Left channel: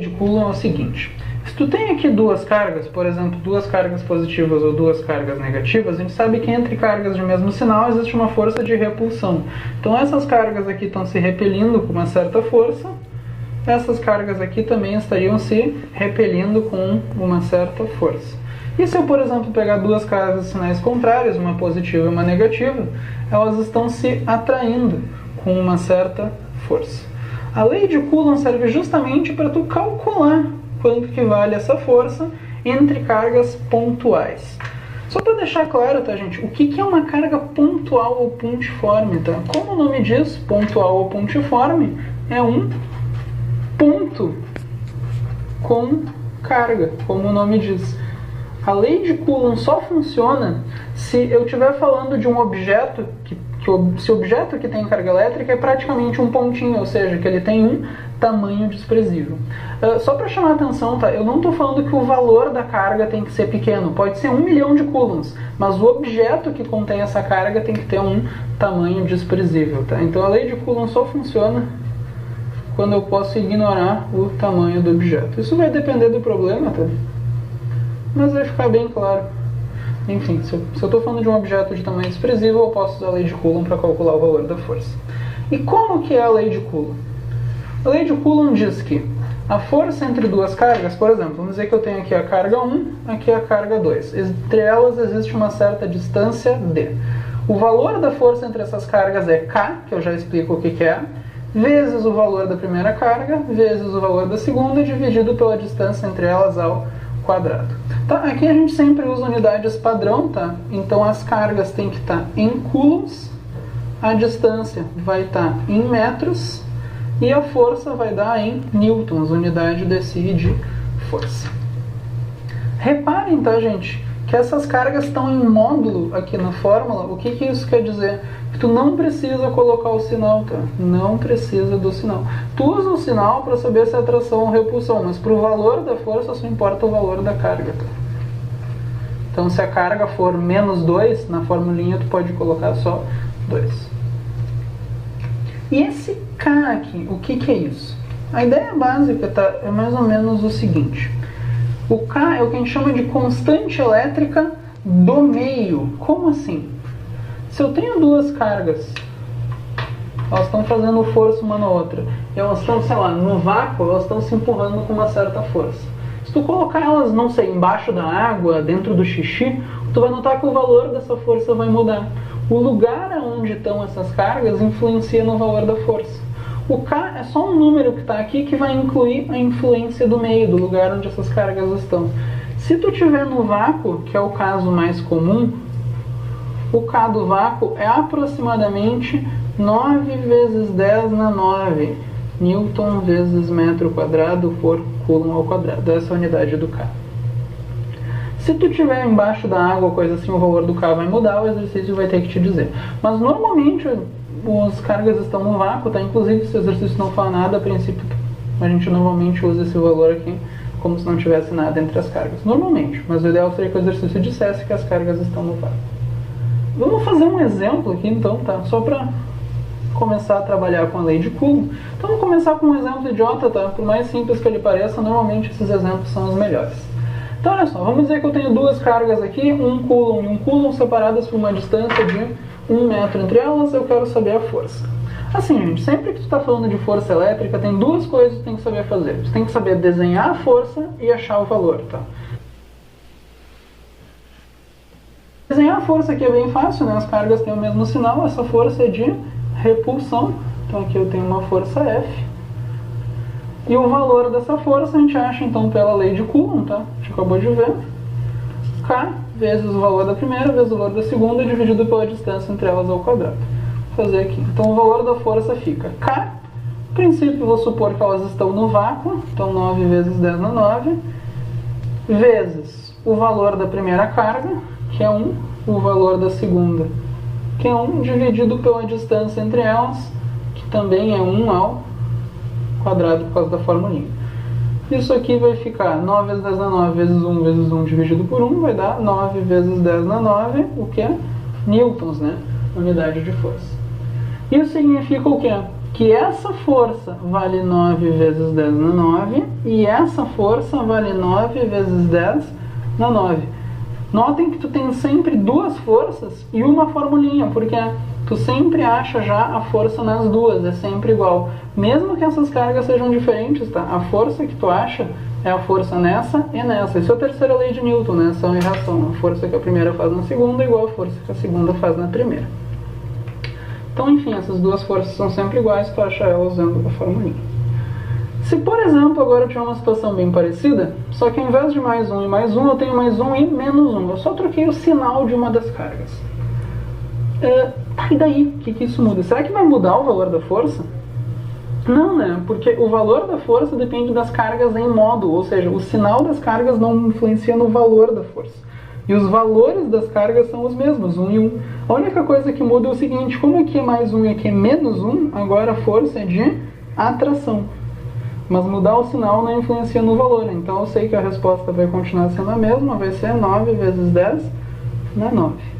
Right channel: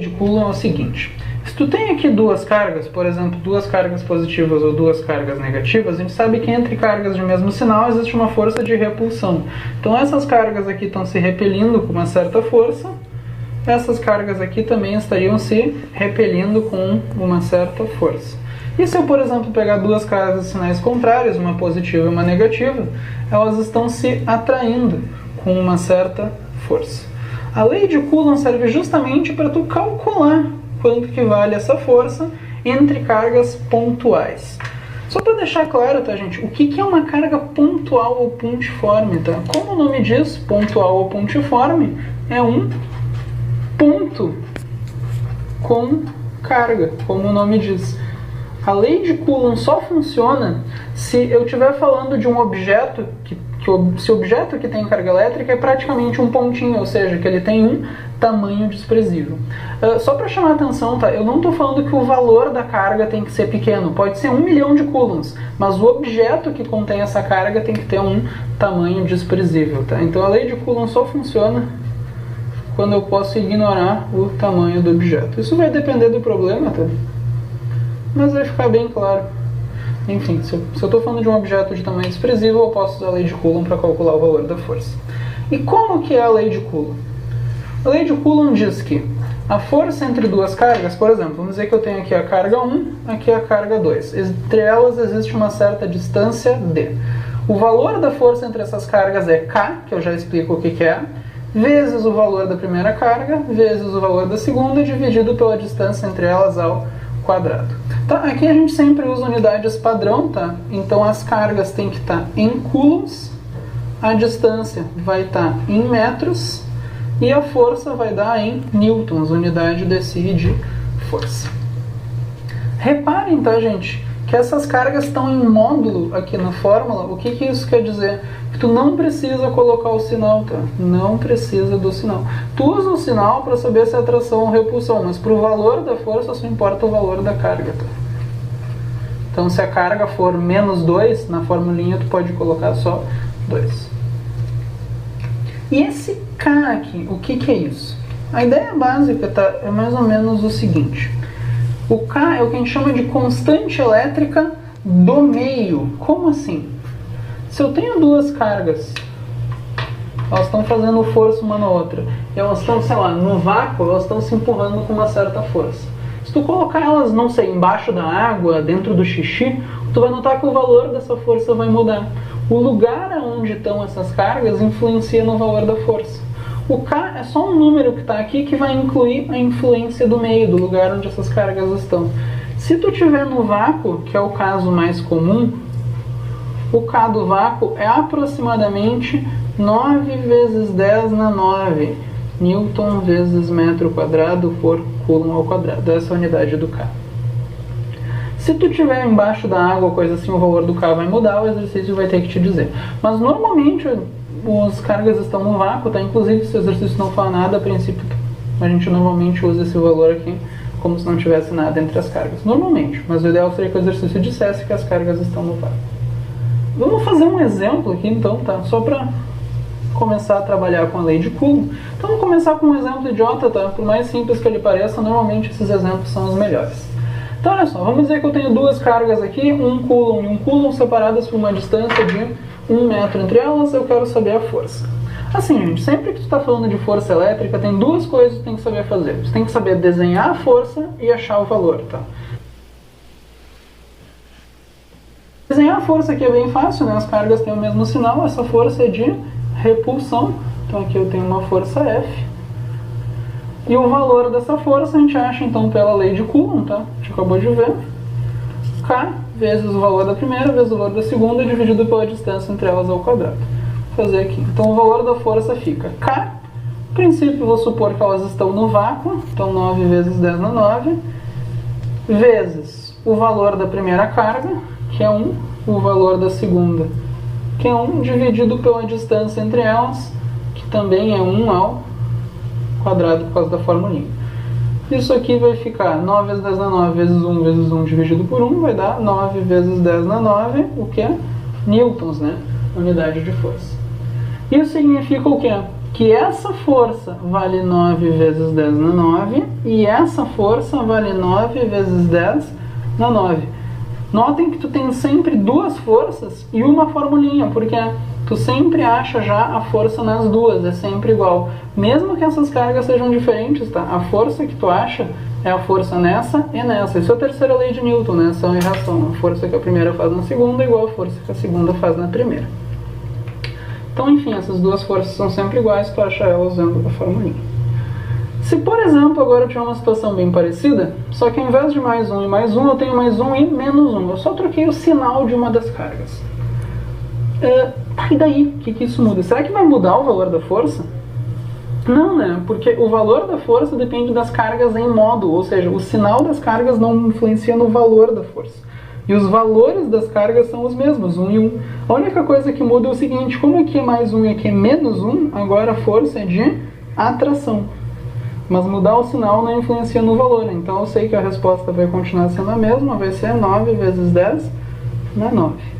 de Coulomb é o seguinte: se tu tem aqui duas cargas, por exemplo, duas cargas positivas ou duas cargas negativas, a gente sabe que entre cargas de mesmo sinal existe uma força de repulsão. Então essas cargas aqui estão se repelindo com uma certa força, essas cargas aqui também estariam se repelindo com uma certa força. E se eu, por exemplo, pegar duas cargas de sinais contrários, uma positiva e uma negativa, elas estão se atraindo com uma certa força. A lei de Coulomb serve justamente para tu calcular quanto que vale essa força entre cargas pontuais. Só para deixar claro, tá, gente, o que é uma carga pontual ou pontiforme, tá? Como o nome diz, pontual ou pontiforme, é um ponto com carga, como o nome diz. A lei de Coulomb só funciona se eu estiver falando de um objeto se o objeto que tem carga elétrica é praticamente um pontinho, ou seja, que ele tem um tamanho desprezível. Só para chamar a atenção, tá? Eu não estou falando que o valor da carga tem que ser pequeno, pode ser 1 milhão de coulombs, mas o objeto que contém essa carga tem que ter um tamanho desprezível, tá? Então a lei de Coulomb só funciona quando eu posso ignorar o tamanho do objeto. Isso vai depender do problema, tá? Mas vai ficar bem claro. Enfim, se eu estou falando de um objeto de tamanho desprezível, eu posso usar a lei de Coulomb para calcular o valor da força. E como que é a lei de Coulomb? A lei de Coulomb diz que a força entre duas cargas, por exemplo, vamos dizer que eu tenho aqui a carga 1, aqui a carga 2. Entre elas existe uma certa distância d. O valor da força entre essas cargas é K, que eu já explico o que é, vezes o valor da primeira carga, vezes o valor da segunda, dividido pela distância entre elas ao quadrado. Tá, aqui a gente sempre usa unidades padrão, tá? Então as cargas têm que estar em coulombs, a distância vai estar em metros e a força vai dar em newtons, unidade desse de força. Reparem, tá, gente, que essas cargas estão em módulo aqui na fórmula. O que isso quer dizer? Que tu não precisa colocar o sinal, tá? Não precisa do sinal. Tu usa o sinal para saber se é atração ou repulsão, mas para o valor da força só importa o valor da carga, tá? Então se a carga for menos 2, na formulinha tu pode colocar só 2. E esse K aqui, o que é isso? A ideia básica, tá, é mais ou menos o seguinte. O K é o que a gente chama de constante elétrica do meio. Como assim? Se eu tenho duas cargas, elas estão fazendo força uma na outra, e elas estão, sei lá, no vácuo, elas estão se empurrando com uma certa força. Se tu colocar elas, não sei, embaixo da água, dentro do xixi, tu vai notar que o valor dessa força vai mudar. O lugar onde estão essas cargas influencia no valor da força. O K é só um número que está aqui que vai incluir a influência do meio, do lugar onde essas cargas estão. Se tu estiver no vácuo, que é o caso mais comum, o K do vácuo é aproximadamente 9 vezes 10 na 9 Newton vezes metro quadrado por Coulomb ao quadrado. Essa é a unidade do K. Se tu estiver embaixo da água ou coisa assim, o valor do K vai mudar, o exercício vai ter que te dizer. Mas normalmente as cargas estão no vácuo, tá? Inclusive se o exercício não fala nada, a princípio a gente normalmente usa esse valor aqui como se não tivesse nada entre as cargas. Normalmente, mas o ideal seria que o exercício dissesse que as cargas estão no vácuo. Vamos fazer um exemplo aqui então, tá? Só para começar a trabalhar com a lei de Coulomb. Então vamos começar com um exemplo idiota, tá? Por mais simples que ele pareça, normalmente esses exemplos são os melhores. Então olha só, vamos dizer que eu tenho duas cargas aqui, um Coulomb e um Coulomb, separadas por uma distância de 1 metro entre elas, eu quero saber a força. Assim, gente, sempre que tu está falando de força elétrica, tem duas coisas que tu tem que saber fazer. Você tem que saber desenhar a força e achar o valor, tá? Desenhar a força aqui é bem fácil, né? As cargas têm o mesmo sinal, essa força é de repulsão. Então aqui eu tenho uma força F. E o valor dessa força a gente acha então pela lei de Coulomb, tá? A gente acabou de ver. K vezes o valor da primeira vezes o valor da segunda dividido pela distância entre elas ao quadrado. Vou fazer aqui. Então o valor da força fica K. No princípio vou supor que elas estão no vácuo. Então 9 vezes 10 na 9. Vezes o valor da primeira carga, que é 1, o valor da segunda, que é 1, dividido pela distância entre elas, que também é 1 ao quadrado por causa da formulinha. Isso aqui vai ficar 9 vezes 10 na 9 vezes 1 dividido por 1, vai dar 9 vezes 10 na 9, o que é? Newtons, né? Unidade de força. Isso significa o quê? que essa força vale 9 vezes 10 na 9 e essa força vale 9 vezes 10 na 9. Notem que tu tem sempre duas forças e uma formulinha, porque tu sempre acha já a força nas duas, é sempre igual. Mesmo que essas cargas sejam diferentes, tá? A força que tu acha é a força nessa e nessa. Isso é a terceira lei de Newton, né? Ação e reação. A força que a primeira faz na segunda é igual a força que a segunda faz na primeira. Então, enfim, essas duas forças são sempre iguais, tu acha elas usando a formulinha. Se, por exemplo, agora eu tiver uma situação bem parecida, só que ao invés de mais um e mais um, eu tenho mais um e menos um. Eu só troquei o sinal de uma das cargas. E daí? O que isso muda? Será que vai mudar o valor da força? Não, né? Porque o valor da força depende das cargas em modo, ou seja, o sinal das cargas não influencia no valor da força. E os valores das cargas são os mesmos, 1 e 1. A única coisa que muda é o seguinte, como aqui é mais 1 e aqui é menos 1, agora a força é de atração. Mas mudar o sinal não influencia no valor, então eu sei que a resposta vai continuar sendo a mesma, vai ser 9 vezes 10 na 9.